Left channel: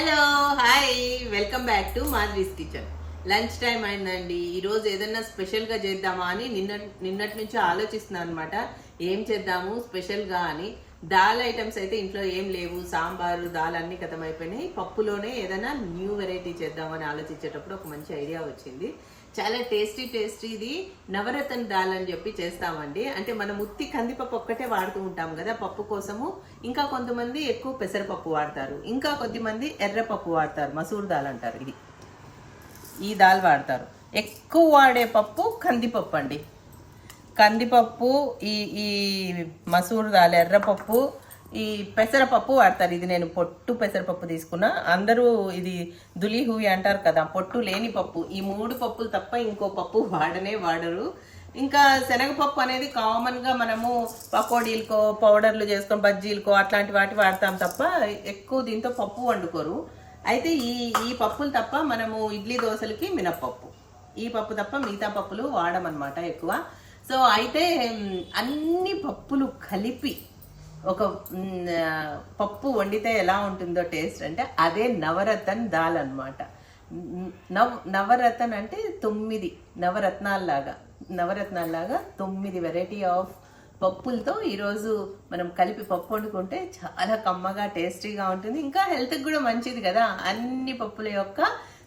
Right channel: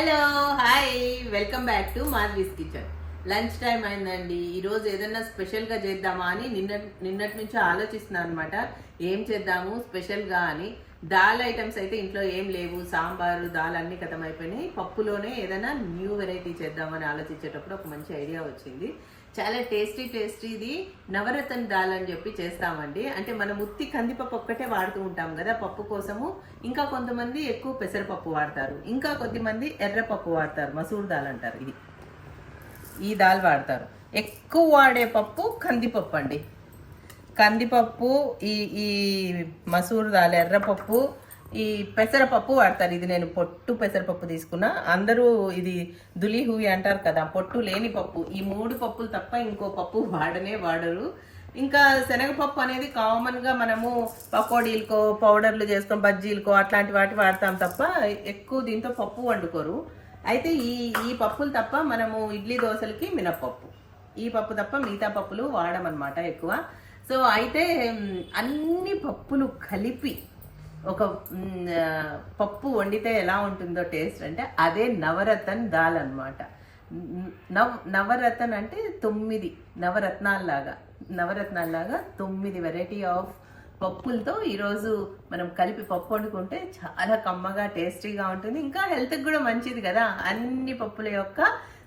Hello hi welcome back to Madhavi's kitchen lunch time అయిందండి. ఈరోజు ఏదైనా స్పెషల్గా చేద్దామా అని నిన్న నిన్నటి నుంచి ఆలోచిస్తున్నాను అనమాట ఏం చేద్దాము స్పెషల్గా అని. దాల్ ఐటమ్స్ అయితే ఇంట్లో ఏం లేవు. సాంబారు దాల్ అన్ని కథం అయిపోయినాయి పప్పులోనే ఏదైనా న్యూ వెరైటీ చేద్దామని ఆలోచించేటప్పుడు ఒక మంచి ఐడియా వచ్చింది. చాలా టేస్టీ టేస్టీ ఇది నవరత్న దాల్ అని చెప్పి చేస్తామండి. అంటే మనం ఉత్తి కందిపప్పు ఒక్కటే వాడుతూ ఉంటాం కదా పప్పు కోసము. ఇంకా కొంతమంది ఎక్కువ పెసరపప్పు వాడతారు. ఇంకా కొద్దిమంది ఎర్రపప్పు వాడతారు. మసూర్ దాల్ అంటారు ఇది. ఈ దాల్ వాడతారు. ఎక్కువ వాడే పప్పు కందిపప్పు అండి. కందిపప్పు ఈ ఈ మసూర్ దాల్ ఎర్రపప్పు ఈ పెసరపప్పు వాడతారు. ఇది నేను పొట్టు పెసరపప్పు తీసుకున్నా. అందరూ ఇది దులి హూవి అంటారు కదా పొట్టు లేని పప్పు. ఈ మూడు పప్పులు తప్ప ఇంకో పప్పు వాడనే వాడరు. ఇంకా శనగపప్పు అనేది కామన్గా మనము పకోడీలకో పౌడర్లు చేసుకొని బజ్జీలకో అట్లాంటి వాటి వాడతాం తప్ప ఎక్కువ దీంతో పప్పు వండుకోరు. అయితే ఈ ఈ పప్పులు తప్ప మనము ఇడ్లీ దోశలకి మినప్పప్పు. ఈ పప్పు తప్ప మిగతా పప్పులు వాడమన్నమాట ఎక్కువ. సో అయితే అన్ని పప్పులు కలిపి ఒక పప్పు వండితే ఎలా ఉంటుందో టేస్ట్ అంటే అదే నవరత్న్ దాల్ అనమాట నవ్ నవరత్న్ అంటే తొమ్మిది నవరత్నాల్లాగా నవరత్నాల్లాగా తొమ్మిది వెరైటీ ఆఫ్ పప్పులతో ఈరోజు మనం కలిపి పప్పు వండుకుంటే చాలా కమ్మగా టేస్టీగా ఉంటుంది. ఇంకా హెల్త్కి కూడా మంచిది కదా. అన్ని పప్పుల యొక్క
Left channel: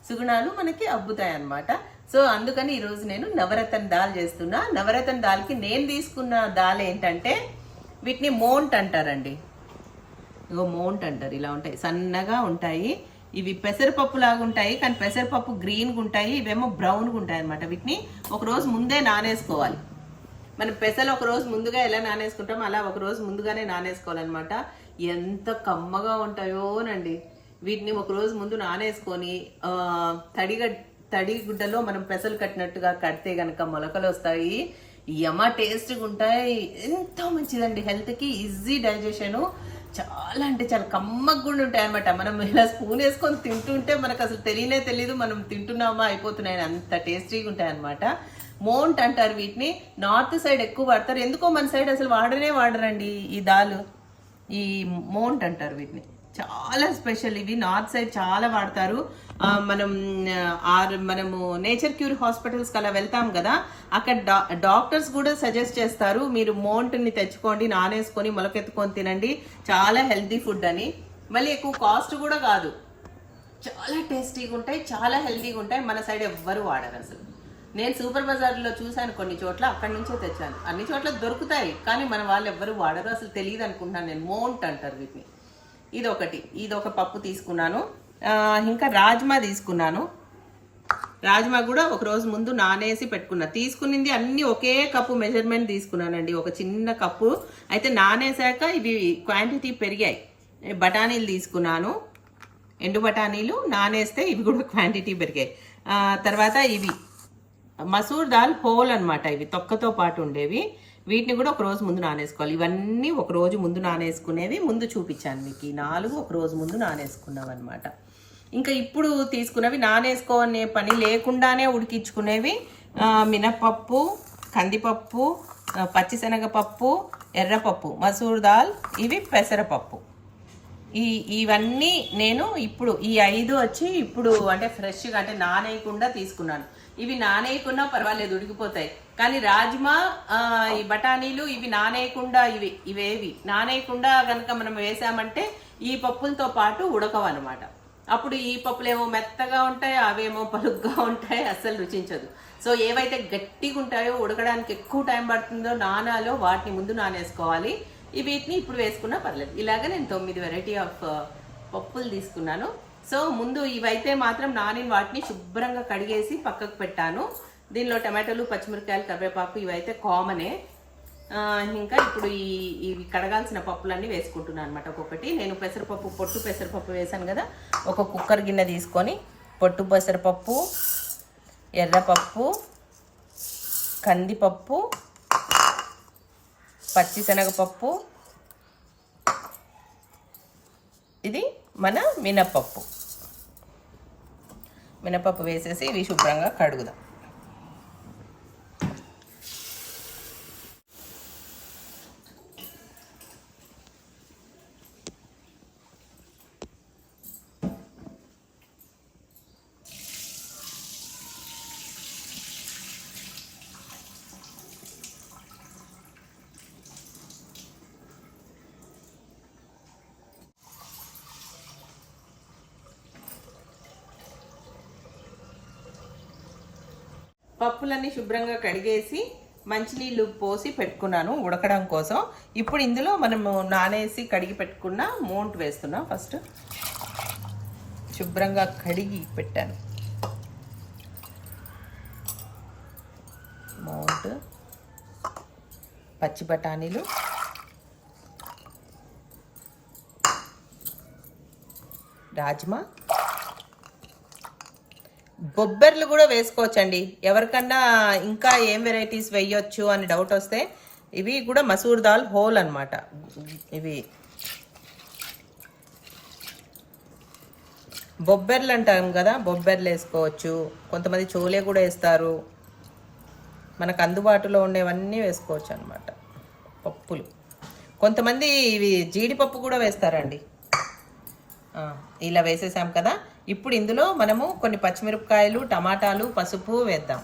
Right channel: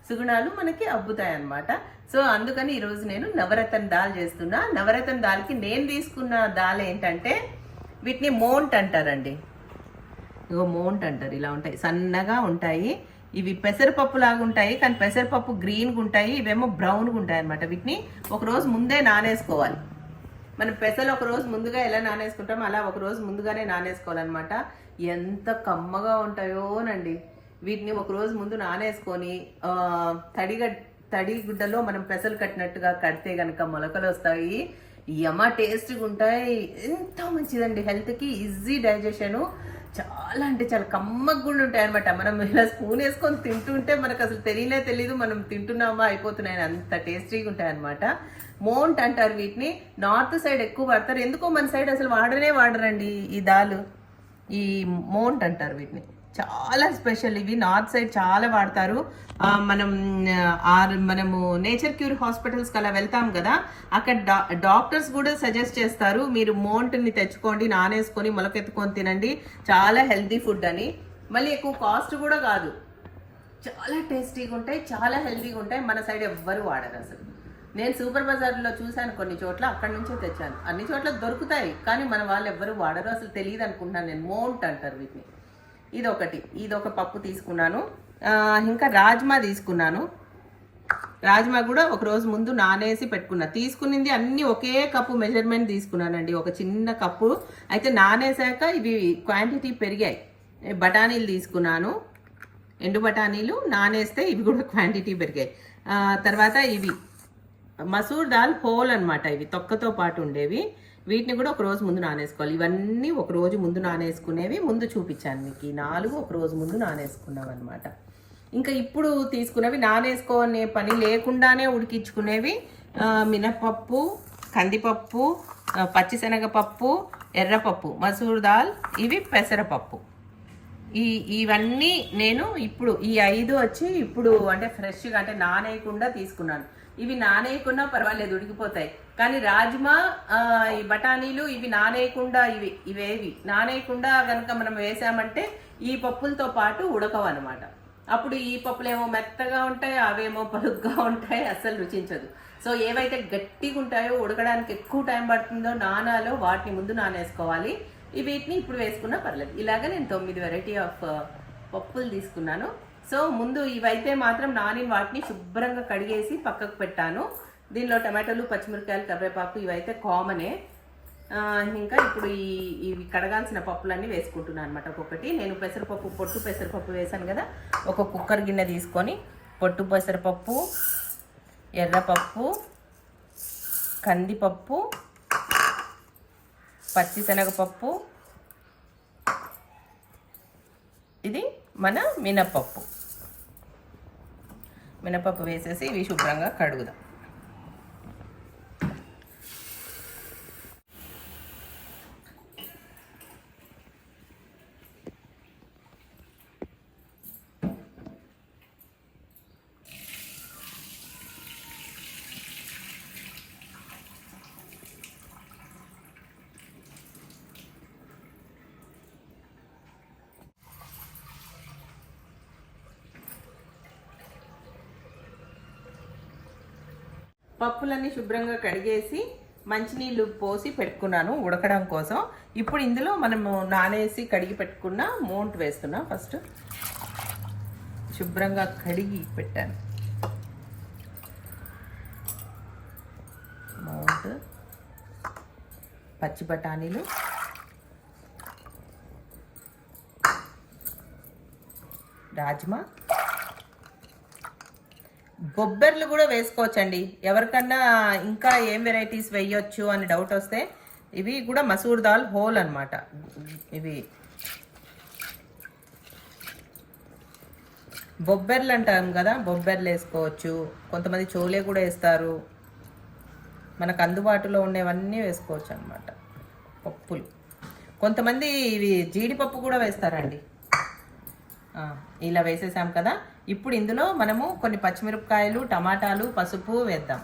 సుగుణాలు మనకి అబ్బుతాయి అన్నమాట సో అందుకని ఈరోజు నేను నవరత్న దాల్ చేస్తున్నా. నవరత్న దాల్కి నేను తీసుకున్న దాల్ ఏంటంటే వీటిని మోంట్ అంటారండి. ఇగో మోంట్ అంటారు. ఇలా ఉంటాయి. సన్నగా ఉంటాయి. ఇవి పెసరపప్పు లాగా ఉంటాయి. కానీ పెసరపప్పు గ్రీన్గా ఉంటాయి. ఇవేమో బ్రౌన్గా ఉంటాయి అనమాట వీటిని ఒక రోజు ముందే నానేసుకోవాలి. మనం పెసలు ఒక రోజు ముందుగా ఎలా నానేసుకుంటాం అలా ఒక రోజు ముందుగానే నానేసుకోవాలన్నమాట. ఎంత కమ్మగా ఉంటాయోనండి. వీటిని ఒక రోజు ముందు నానేసుకొని తడిగ తడి గుడ్డలో మనం పెసలు కట్టినట్టుగా కడితే గనక మొలకలు వస్తాయి. యమ టేస్ట్గా ఉంటాయి. ఎంత మంచిదండి. హెల్త్కి ఈజీ డైజెషను చాలా అంటే చాలా కమ్మగా కూడా ఉంటాయి అనమాట మనం ఇలా స్పూన్ వేసుకొని తింటుంటే మనకు అసలు తెలియనే తెలియదు మనం తింటున్నామా అయిపోతున్నాయి అంత టేస్టీగా ఉంటాయి అనమాట మోంట్ అంటారు వీటిని. నార్త్ సైడ్ ఎక్కువ వాడతారు. ఎందుకో మన సైడ్ అసలు వాడనే వాడరండి ఈ దాలు. ఈ మోంట్ అంటారు వీటిని. చాలా స్పెషల్ ఇవి నార్త్ సైడ్ చాలా వాడతారు. మనం ఆర్ మనము నేచర్ క్యూర్ హాస్పిటల్స్కి అలా వెళ్తాం కదా అక్కడ డా డాక్టర్స్ కూడా సజెస్ట్ చేస్తారు మీరు మోంట్ని తెచ్చుకోండి నానేసుకొని మొలకెత్తుకొని తినండి చాలా హెల్తీ ఫుడ్ అని. మళ్ళీ ఎక్కువ కాస్ట్ కూడా కాదు. చాలా టేస్టీగా ఉంటాయి చాలా హెల్తీగా ఉంటాయి మన సైడ్ ఎవ్వరు వాడరు అసలు. నేను సూపర్ బజార్లో చూశాను కొన్ని చోట్ల అక్కడి నుంచే తెచ్చాను. అన్ని చోట్ల దొరుకుతాయి కానీ మన వాళ్ళు ఎవ్వరు వాడరు అసలు తెలియదు అనుకుంటున్నాను నేను. మోంట్ అంటారు వీటిని. ఇది ఒకటి ఇది ఒక పప్పు తీసుకున్నాను. ఇంకా రాజ్మా తీసుకున్నాను. రాజ్మా కూడా ఒక రోజు ముందు నానేసి పెట్టుకున్నా. తీసుకునింది అన్ని ఒకే కప్పు మెజర్మెంట్ తీసుకున్నానండి. ఒక చిన్న కప్పు. అయితే నానేసాక ఇవి క్వాంటిటీ పెరిగాయి. బఠానీలు తీసుకున్నాను. ఎండు బఠానీలు నానేస్తే ఇవి కూడా క్వాంటిటీ పెరిగాయి. తర్వాత ఇవి. మసూర్ దాల్ హోల్ అనమాట ఇవి. తొక్కతో పాటు ఉండేవి. వీటిని కూడా ఒక రోజు ముందు నానేసుకోవాలి. ఇవన్నీ ఒక రోజు ముందు నానేసుకునేవి. ముందు చూపించాను మీకు. ఈ నాలుగు ఒక రోజు ముందు నానేసుకున్నాం అనమాట ఇంకా ఇప్పుడు తీసుకున్నవి నానేసుకోనే పని లేకుండానే ఉడికించుకునేవి మినపప్పు కందిపప్పు పచ్చిశనగపప్పు ఎర్రపప్పు మసూర్ దాల్ ఇవి పెసరపప్పు. ఈ ఇవన్నీ నేను ఇప్పుడు ఈ ఐదు వచ్చి ఇప్పుడు అంటే ఫ్రెష్గా అంటే నానేయకుండా తీసుకున్నాను. ఇవి నానేయకుండా పర్వాలేదు ఉడికిపోతాయి. కానీ రాజ్మా ఈ బఠానీలు ఇవి నానేయకుండా ఇవి ఇవేవి. నానేయకుండా కనుక మనం వేసామంటే ఈ పప్పులతో పాటు ఉడకవన్నమాట. అప్పుడు ఈ పప్పులేమో మెత్తగా ఉంటాయి అవేమో పలుగ్గా ఉంటాయి అస్సలు రుచించదు. సో ఏవైతే గట్టిగా ఉంటాయో ఉడకడానికి ఎక్కువ టైం పడుతుందో నానాలో వాటిని ముందు నానేసుకోవాలి. ఈ వీటిని ఇప్పుడు వేసుకున్నా పర్లేదు. ఇలాగ నేను తొమ్మిది వెరైటీ ఆఫ్ uh, పప్పులు తీసుకున్నాను. సో ముందు ఇవైతే మాత్రం నానిన వాటిని శుభ్రంగా కడిగేసి పక్కకు పెట్టాను. దీనిలో టమాటోలు పచ్చిమిరకాయలు కరివేపాకు ఇవైతే కామనే ఇంకా ఇప్పుడు ఈ ఇవి కడగాల్సిన పప్పులన్నీ వేసుకుంటున్నాను అనమాట ఒక్కొక్కటి. నేను పెసరపప్పు పొట్టు పెసరపప్పు వేసాను కదా ఒక కుక్కర్ గిన్నె తీసుకొని పొట్టు పెసరపప్పు ఎర్రపప్పు కందిపప్పు పచ్చిశనగపప్పు. ఇది మన మినపప్పు మినపప్పు వేసేసి ఇవి శుభ్రంగా కడుగుదాం. పప్పులన్నీ శుభ్రంగా కడిగేసి మంచినీళ్ళు పోసి పెట్టుకున్నాను ఉడకడం కోసం. ఇప్పుడు ఇందులో మనము నానేసి కడిగి పెట్టుకున్న మోంట్ వేస్తున్నాం. ఫస్ట్ శుభ్రంగా కడిగి పెట్టాను. మౌంట్ పచ్చి బఠానీలు రాజ్మా బొబ్బర్లు కూడా వేసుకోవచ్చండి. ఎవరికన్నా ఇంకా ఏం వెరైటీస్ వేయొచ్చు అని డౌట్ వస్తే ఇవి కూడా మసూర్ దాల్ హోల్ అనమాట ఇవి బొబ్బర్లు అంటాం కదా బొబ్బర్లు వేసుకోవచ్చు. కొంతమంది చోలే కూడా వేస్తారు. మనకు అందుబాటులో ఉండేవన్నీ వేసుకోవచ్చు అనమాట పప్పులు. కొంతమంది ఇవి జీడిపప్పు కూడా వేస్తారండి. ఇలా వేసేసాం కదా. ఇప్పుడు ఇందులో మనము కొన్ని పచ్చిమిరపకాయలు టమాటాలు పసుపు వేద్దాం.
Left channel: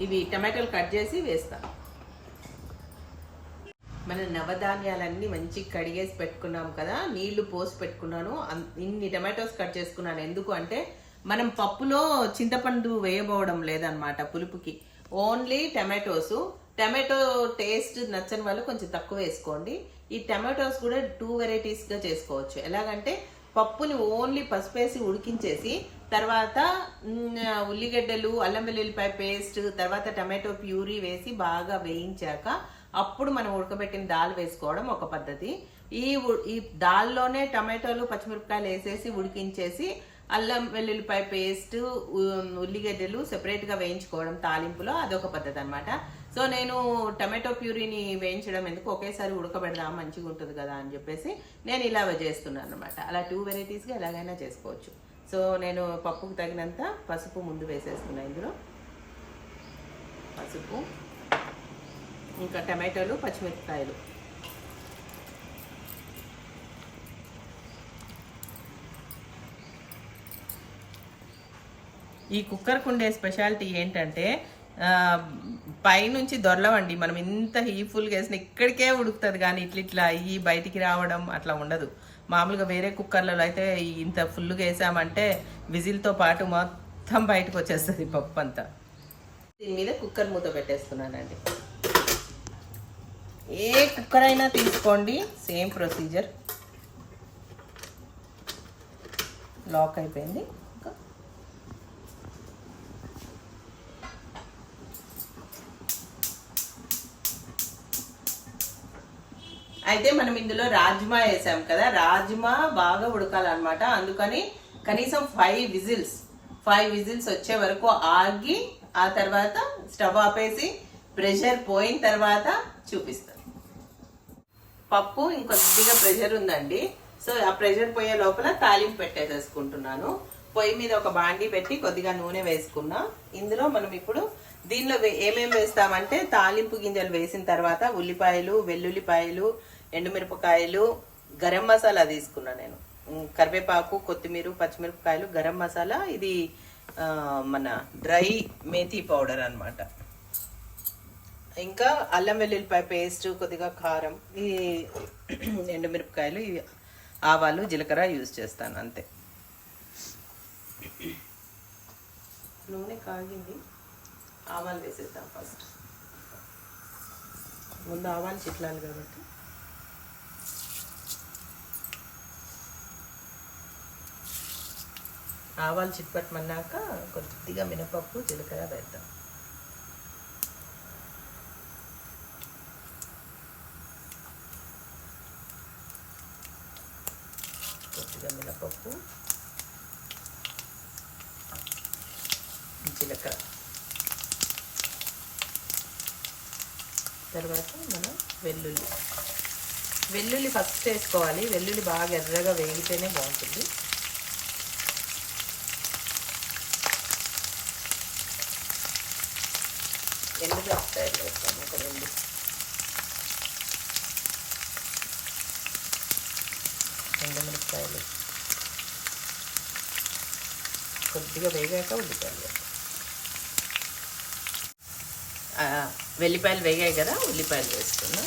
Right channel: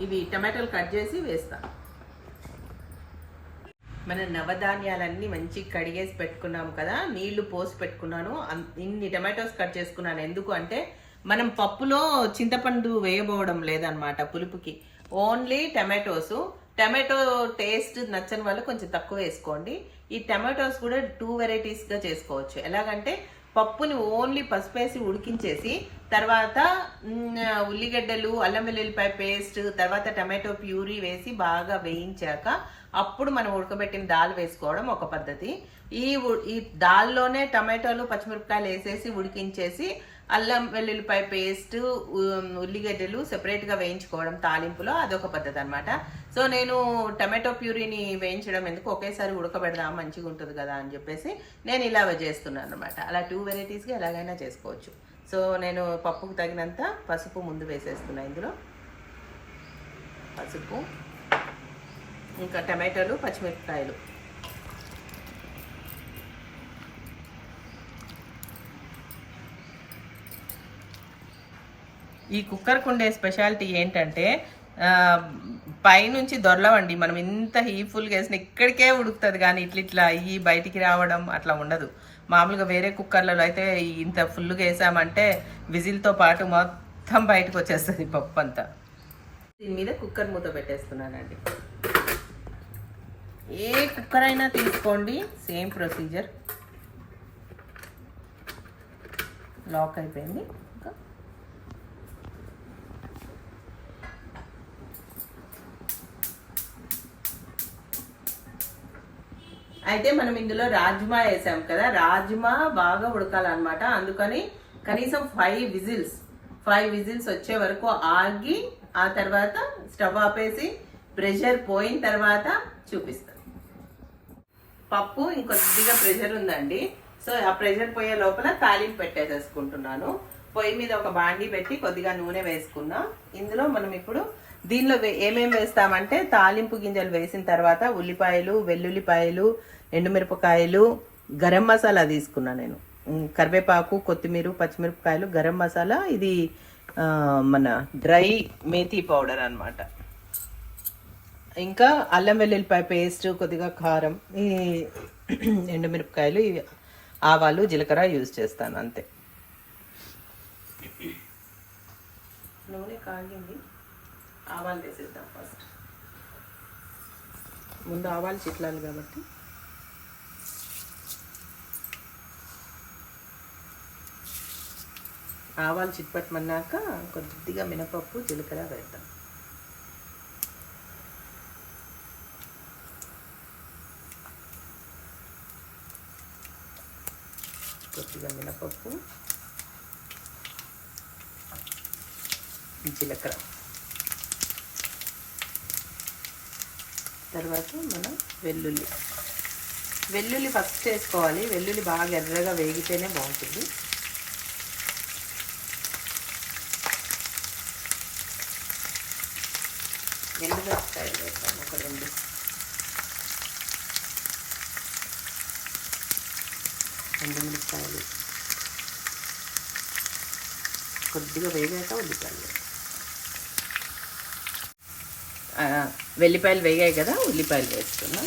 ఇవి టమాటాలు కట్ చేసి వేస్తాం. మన నవధాన్యాలన్నీ మంచి కడిగేసి పెట్టుకున్నాం కదా నీళ్ళు పోసి పెట్టుకున్నాను. ఇన్ని టమాటోస్ కట్ చేసుకున్నాను. ఎందుకు అంటే మనం పప్పులో చింతపండు వేయబోవడం లేదనమాట పులుపుకి. ఓన్లీ టమాటోసు టమాటో టేస్ట్ నచ్చని వాళ్ళు కొంచెం తక్కువ వేసుకోండి. ఈ టమాటోస్ కూడా టూ వెరైటీస్గా చేసుకోవచ్చు. ఎలాగంటే పప్పుని ఓన్లీ పసుపేసి ఉడికించేసి తర్వాత ఉల్లిగడ్డలు అల్లం వెల్లుల్లిపాయ పేస్ట్ తర్వాత టమాటో ప్యూరీ వేసి బాగా వేయించాక అప్పుడు మనం ఉడకబెట్టిన దాల్ వేసుకోవడం ఒక పద్ధతి. ఈ ఈ దాల్లోనే టమాటోలు పచ్చిమిరపకాయలు వేసేసి ఉడికించేసి అల్లం వెల్లుల్లిపాయ పేస్ట్ ఉల్లిగడ్డలు సెపరేట్గా వేయించుకోవడం తాలింపులో అదొక పద్ధతి అన్నమాట. సో నేను టమాటో ప్యూరీని వేయించడం ఎందుకు ఒకేసారి ఉడకబెడదా మంచిగా ఉంటుంది కదా అని చెప్పేసి నేను ఇలా చేస్తున్నాను అనమాట అలా టూ వెరైటీస్గా ఎలాగైనా చేసుకోవచ్చు. సో నేను పప్పుకు తగినంత పసుపు ముందు వేసేస్తున్నా ఇందులో. పసుపు ఇంకా టమాటోలు పచ్చిమిరపకాయలు. ఈ కుక్కర్కు ఉండే స్పెషాలిటీ ఏంటంటే పైనుంచి దొరలవండి. మనం ఇంత హీఫుల్గా వేసిన ఇక్కడికే ఉడుకుతుంది కానీ ఇట్లా ఇట్లా అయ్యి బయటికి రావడం అట్లా ఉండదు. మామూలుగా వేరే కుక్కర్లలో అయితే ఇంత ఫుల్గా వేసామంటే విజిల్తో పాటు మొత్తం బయటకు వచ్చేస్తుంది పప్పు అంతా దీని మీద కుక్కర్ మూత పెట్టేస్తున్నానండి. ఏ కుక్కర్ అయినా తీసుకోండి. Same procedure. లాక్ అయిపోయింది. అయితే మనం ఇందులో రాజ్మా వేసాం కదా. రాజ్మా బాగా ఉడకాలన్నమాట. అందుకని కనీసం ఫైవ్ విజిల్స్ ఫైవ్ విజిల్స్ వచ్చే వరకు ఆగి ఆ తర్వాత స్టవ్ ఆపేసి ప్రెషర్ పోయిన తర్వాత చూపిస్తాం. పప్పు ఇంకొద్దిగా ప్రెషర్ ఉందండి. సో ఆ ప్రెషర్ పోయే లోపల తాలింపు పెట్టేసేసుకుంటున్నాను. పొయ్యి మీద ఒక బాండి పెట్టి కొద్దిగా నూనె వేసుకున్నాం. ఇందులో మనం ఇప్పుడు దీనిలో వే- వేస్తామంటే తాలింపు గింజలు వేసిన తర్వాత ఉల్లిపాయలు వెల్లుల్లిపాయలు ఎండుమిరపకాయలు గరం మసాలా తీసుకున్నా నేను. కరివేపాకు కొత్తిమీర పచ్చిమిరపకాయలు గరం మసాలా. ఇది మన డ్రై మేథీ పౌడర్ అనమాట ఇంకా అల్లం వెల్లుల్లిపాయ పేస్ట్ కొద్దిగా కారం ఈ ఎండుమిరపకాయలు ఇవి ఆవాలు జీలకర్ర యూజ్ చేస్తాను అంతే. నూనె కాగింది. ఆవాలు వేసేద్దాం ఫస్ట్. ముందు ఆవాలు చిట్లాలి కాబట్టి. ఆవాలు చిట్పట్టమన్నాక కొద్దిగా మినపప్పు జీలకర్ర వేద్దాం కొద్దిగా మినపప్పు జీలకర్ర. తర్వాత మనం వెల్లుల్లి. వెల్లుల్లి ఫస్ట్ వేసుకోవాలి. వెల్లుల్లి బాగా ఎర్రగా వేగితేనే బాగుంటుంది ఎండుమిరపకాయలు వేస్తాం ఒక రెండు ఎండుమిరపకాయలు కొద్దిగా వేగాక ఉల్లిపాయలు. వెల్లిపాయలు వేగాయి కదా ఉల్లిపాయలు వేసుకుందాం.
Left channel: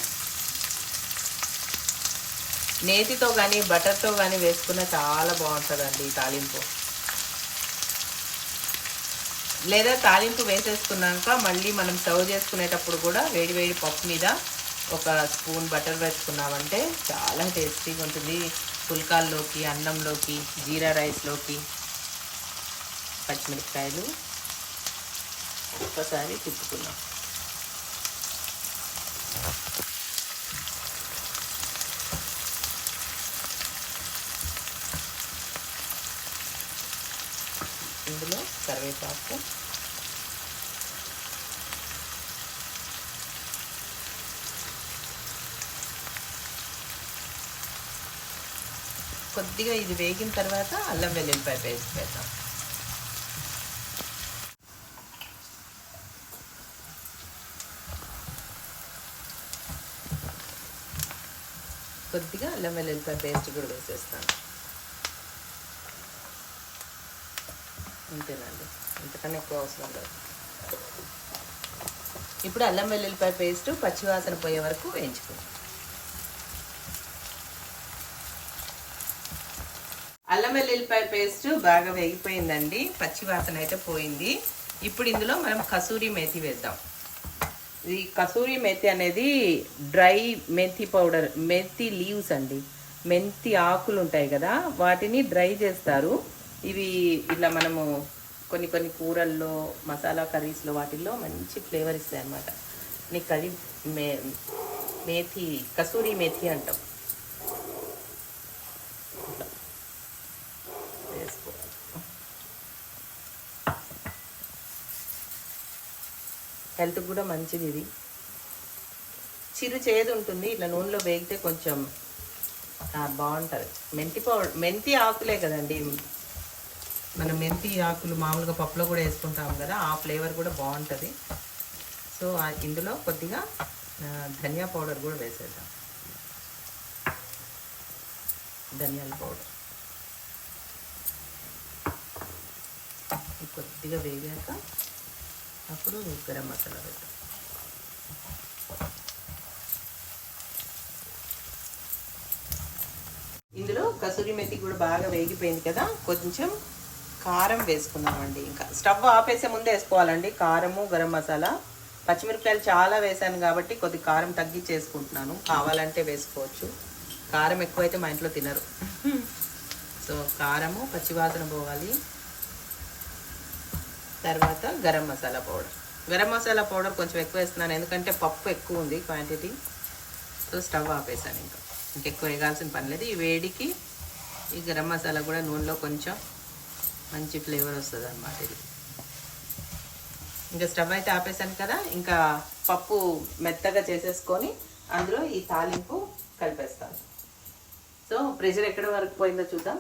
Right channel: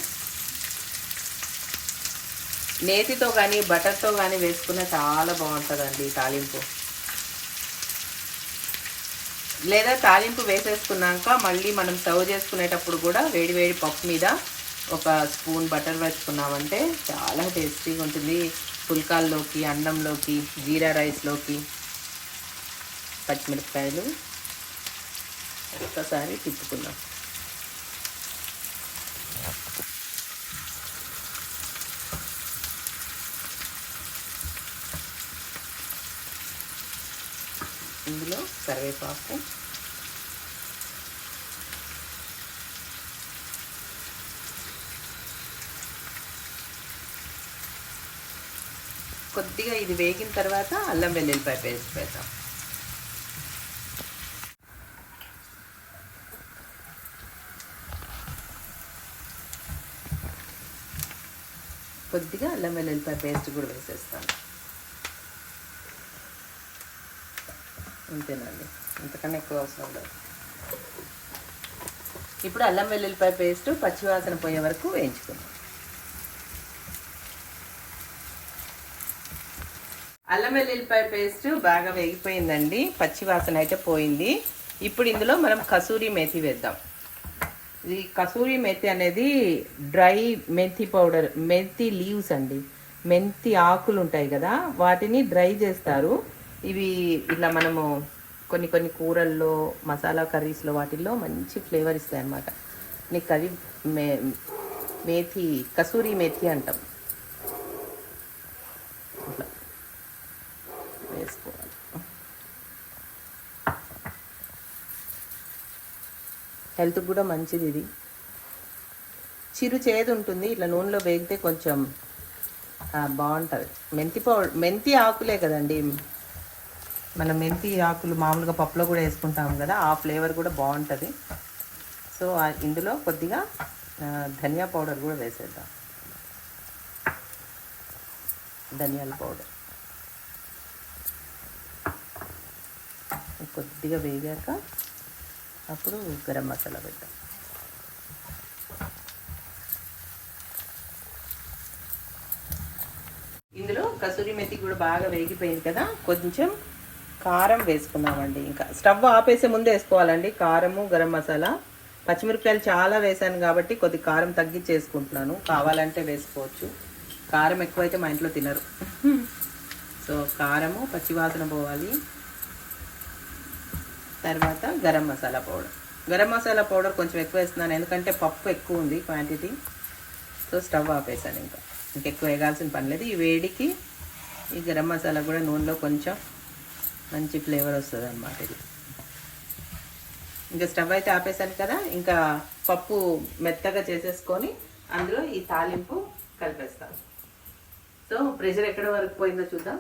నేతితో కానీ బటర్తో కానీ వేసుకున్న చాలా బాగుంటుందండి తాలింపు. లేదా తాలింపు వేసేసుకున్నాక మళ్ళీ మనం సర్వ్ చేసుకునేటప్పుడు కూడా వేడి వేడి పప్పు మీద ఒక స్పూన్ బటర్ వేసుకున్నామంటే చాలా టేస్టీగా ఉంటుంది. పుల్కాల్లోకి అన్నంలోకి జీరా రైస్లోకి. పచ్చిమిరపకాయలు ఒక్కసారి తిప్పుకున్నాం ఇందులో కరివేపాకు. కొద్దిగా ఇది వేగిన తర్వాత అల్లం వెల్లుల్లిపాయ పేస్ట్ వేద్దాం. కొద్దిగా అల్లం వెల్లుల్లిపాయ పేస్ట్ కూడా వేసేస్తాను. అంతేనండి. అంతకన్నా ఎక్కువ అవసరం లేదు. ఇప్పుడు అల్లం వెల్లుల్లిపాయ పేస్ట్ పచ్చివాసన పోయే వరకు వేయించుకుంటాం అల్లం వెల్లుల్లిపాయ పేస్ట్ బాగా వేగిపోయిందండి. పచ్చివాసన అయితే పోయింది. ఇప్పుడు ఇందులో మనం కసూరి మేతి వేద్దాం. ఇది కసూరి మెంతి అనేది డ్రై మెంతి పౌడర్ మెంతి లీవ్స్ అండి. మెంతి ఆకులు ఉంటాయి కదా వాటిని డ్రై చేస్తారు. ఇవి ఇలా మనము కొన్ని కొన్ని కూరల్లో మసాలా కర్రీస్లో వాటిల్లో మంచి ఫ్లేవర్ ఇస్తాయి అన్నమాట నీకు అది మే మేథి కసూరి మేథి అంటాం ఇట్లా వేసుకోవాలి హెల్త్ కూడా మంచిది ఇది. చిరు చేదు ఉంటుంది ఇట్లా నూనెలో వేగితే కొంచెం బాగుంటుంది. మెంతి పౌడర్ మెంతి ఆకులే కదండి. మన మెంతి ఆకులు మామూలుగా పప్పులో కూడా వేసుకుంటాం కదా ఆ ఫ్లేవర్ కూడా బాగుంటుంది. సో ఇందులో కొద్దిగా ధనియా పౌడర్ కూడా వేసేద్దాం. ధనియాల పౌడర్. కొద్దిగా వేగాక అప్పుడు గరం మసాలా పెడతాం ఇందులో కసూరి మెతి కూడా బాగా వేగిపోయింది కదా కొంచెం కారం వేసుకుందామండి ఇంకా. స్టవ్ ఆపేసే ముందు వేసుకోవాలండి కారము గరం మసాలా. పచ్చిమిరపకాయలు చాలా వేసాను కాబట్టి కొద్ది కారం తగ్గించేసుకుంటున్నాను. కావాలంటే వేసుకోవచ్చు. కారం ఎక్కువైతే మా ఇంట్లో తినరు. సో కారము పచ్చివాసన పోవాలి. తర్వాత గరం మసాలా పౌడర్. గరం మసాలా పౌడర్ కొంచెం ఎక్కువ వేస్తున్నాను ఎందుకంటే పప్పు ఎక్కువ ఉంది క్వాంటిటీ. సో స్టవ్ ఆపేసాను ఇంకా. ఇంకెక్కువ వేయాల్సిన పని లేదు. ఈ వేడికి ఈ గరం మసాలా కూడా నూనెలో కొంచెం మంచి ఫ్లేవర్ వస్తుంది అనమాట ఇది. ఇంకా స్టవ్ అయితే ఆపేసాను కదా ఇంకా పప్పు మెత్తగా చేసేసుకొని అందులో ఈ తాలింపు కలిపేస్తాను. సో ప్రెషర్ ఎక్కడ వరకు పోయిందో చూద్దాం.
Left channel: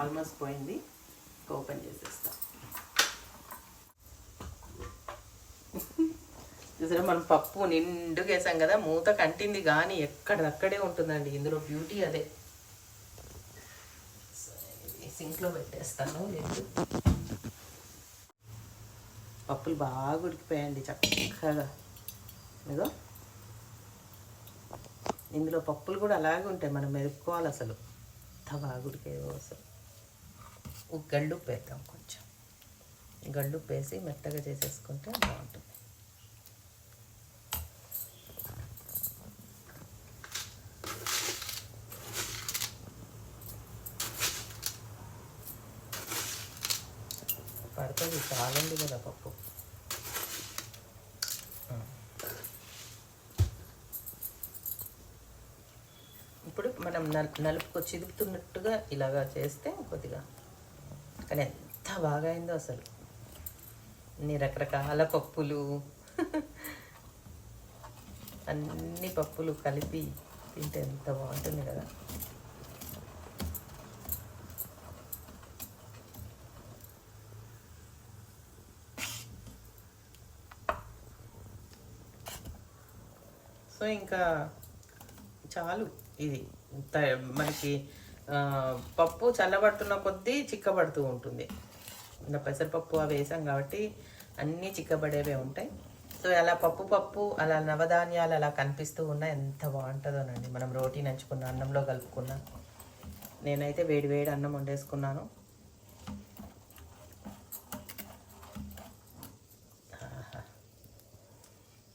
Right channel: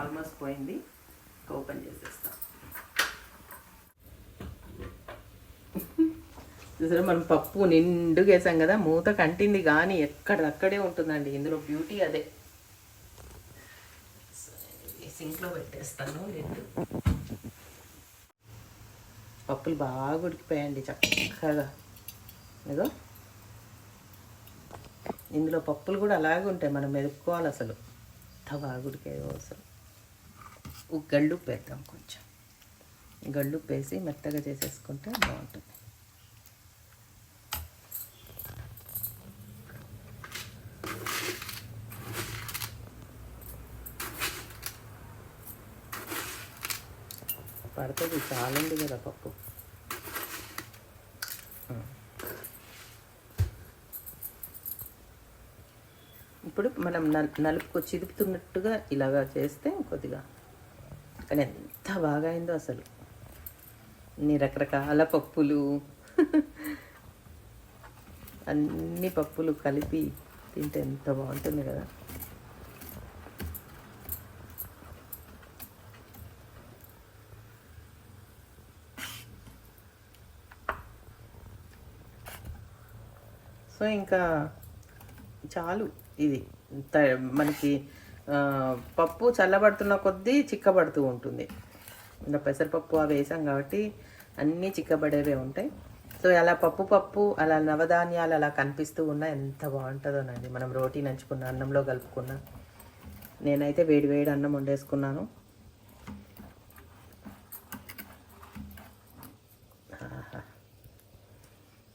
ఆల్మోస్ట్ పోయింది. ఓపెన్ చేసేస్తాం చూసారా మనం పప్పు నిండుగా వేసాం కదా మూత కంటింది కానీ ఎక్కడక్కడే ఉంటుందండి ఇందులో బ్యూటీ అదే. సింక్లో పెట్టేస్తాను రెండు. పప్పులు బాగా ఉడికిపోయండి చక్కగా. ఇదో ఇందులో పప్పులు కూడా అలాగే ఉంటాయి మనం మెరుక్కోవాలి అసలు. అంత బాగా ఉడికాయో అసలు. గళ్ళు గళ్ళుప్పు వేద్దాం కొంచెం. గళ్ళు వేసి మెత్తగా చేసేసుకుంటే బాగుంటుంది. పడుతుంది చాలా కదా పప్పు. ఇప్పుడు మనం నలుపుకు చిదుపుతున్నట్టుగా ఇలాగా చేస్తే కొద్దిగా కానీ ఎంత బాగా అయిందో అసలు. అన్ని రకరకాల పప్పులు. అన్ని పప్పులు కలిపి తింటే ఎంత బాగుంటుంది కదా. సో ఇంకా చాలు ఇది. మనకి పప్పు చల్లబడుతున్న కొద్దీ చిక్కబడుతూ ఉంటుంది. ఇంకా పెసరపప్పు అవి వేసాం కాబట్టి అన్నీ చిక్కబడేవే ఉంటాయి. సో అలా పప్పు పప్పు అలా నవధాన్యాలు అలా కనిపిస్తూ ఉన్నా ఎంత బాగుంటుందోనండి మనం రోటీ నంచుకున్న అన్నంలో కలుపుకున్నా. నేనైతే వేడి వేడి అన్నం వండేసుకున్నాను.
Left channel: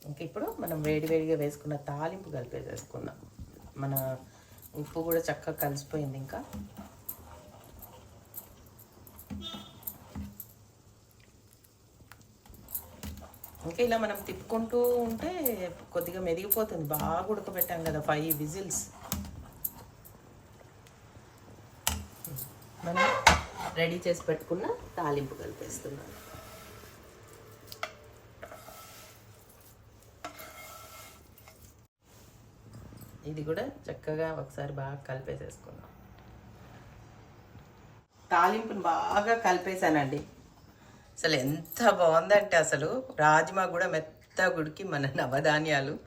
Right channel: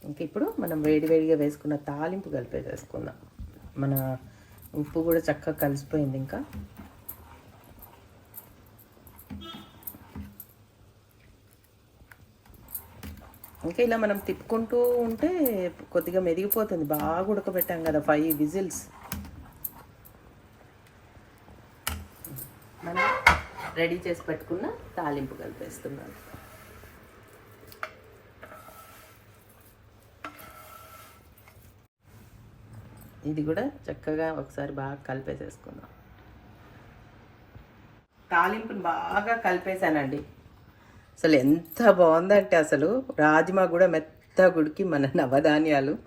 ఇంక ఇప్పుడు మనం వేడివేడిగా వేసుకున్న తాలింపు కలిపేసేసుకుందాం. మన ఉప్పు కూడా చక్కగా కలిసిపోయింది ఇంకా. ఇంకా ఇలా మనం తిప్పుకుంటూ ఉంటే కొద్దిగా మెదిగిపోతుంది. బాగా ఉడకబెట్టాం కదా ఫైవ్ విజిల్స్. మనం రెడీ చేసి పెట్టుకున్న తాలింపు కలిపేస్తున్నాను ఇది కూడా చక్కగా ఒకసారి బాగా కలిపేసేసుకున్నాం తాలింపుని బాగా కలిపేసానండి అసలు ఎంత బాగుందంటే అసలు రాజ్మా కూడా మెత్త గుడికి మన నవధాన్యాలు.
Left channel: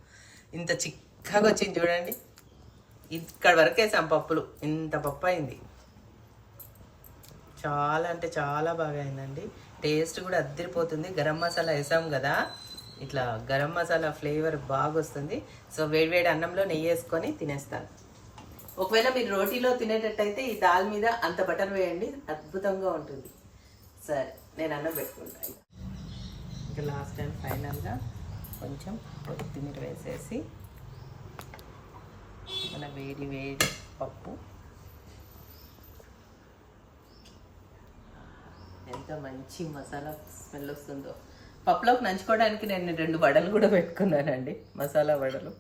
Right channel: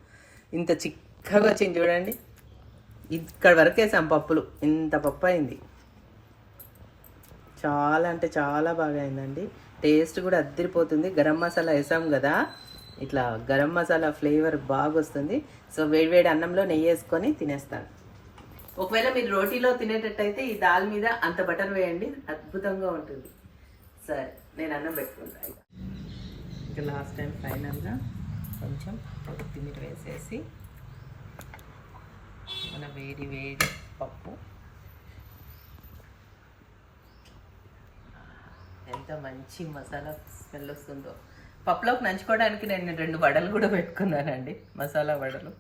ఇంత చిక్కగా వచ్చింది చూడండి. ఇక్కడ వరకు వేసాం పప్పులు. ఇంత పప్పు అయింది. చాలా అంటే చాలా బాగా అయిందండి. టేస్ట్ కూడా అద్దరిపోతుంది. గరం మసాలా వేసాం కదా. ఇట్లా గరం మసాలా ఫ్లేవర్ బాగా వస్తుంది సో వేడివేడి అన్నంలో నెయ్యి వేసుకొని తినేస్తాను. ఒకవేళ మీరు రోటీలో తినేటట్టయితే ఈ దాల్ మీద అంత బటర్ వేయండి. అద్భుతంగా ఉంటుంది. సరే నేను అన్నం పెట్టుకుంటాను ఇంకా లాస్ట్ టైం ఫైనల్గా కొంచెం కొత్తిమీర వేసేసి మన వేడి వేడి పప్పు. ఎంత మంచి మసాలా స్మెల్ వస్తుందో. పప్పులోకి నంచుకోవడానికి నేను రెండు వడలు కూడా పెట్టుకున్నానండి. మసాలా వడలు.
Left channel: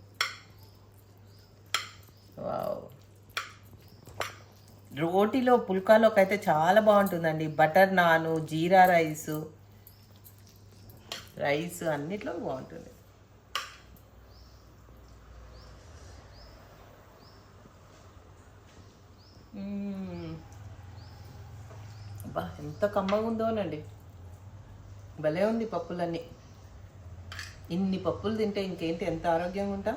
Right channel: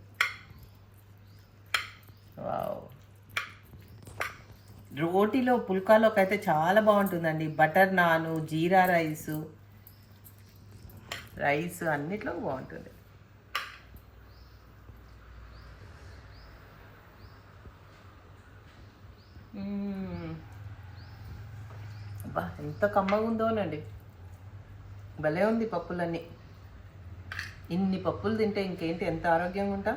వావ్. రోటీలో పుల్కాలోకి అయితే చాలా బాగుంటుందండి. బటర్ నాను జీరా రైస్. రైస్ అన్నిట్లో బాగుంటుంది. అబ్బా ఎంత కమ్మగా ఉందోనండి భలే ఉంది పప్పులన్నీ. ఇన్ని పప్పులు తింటే ఇంకేంటి ఎంత ఆరోగ్యంగా ఉంటాం?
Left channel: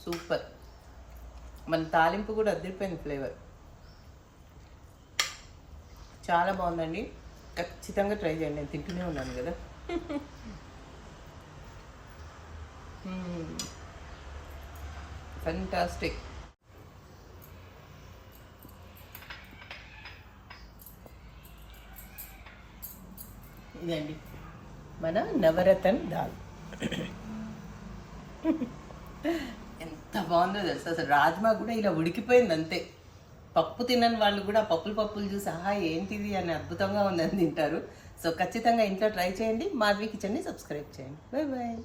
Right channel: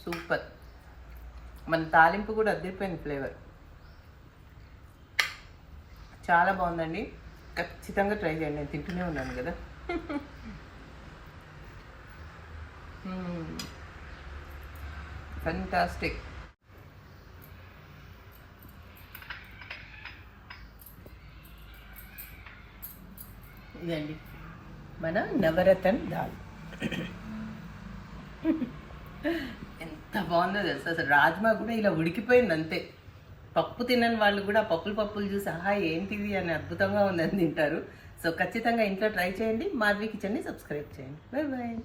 సూపర్. మన తాలింపు కూడా అదిరిపోయింది ఫ్లేవర్. చాలా బాగుందండి. ఖచ్చితంగా ట్రై చేయండి నేను తింటూనే ఉన్నాను కదా. ఫంటాస్టిక్ ఇదండి మన నవరతన్ దాల్. ఎంత బాగుందో తెలుసు? అసలు రాజ్మా కూడా ఇలా ఉడికిపోయింది అంతే. పప్పు తినని వాళ్ళు కూడా పప్పులు పప్పులు చూసి ఆహా ఏంటిది? అని అద్భుతంగా ఉందని తింటారు. సో ఖచ్చితంగా ఇంట్లో ట్రై చేయండి. మాధవి కిచెన్ని సబ్స్క్రైబ్ చేయండి. Bye bye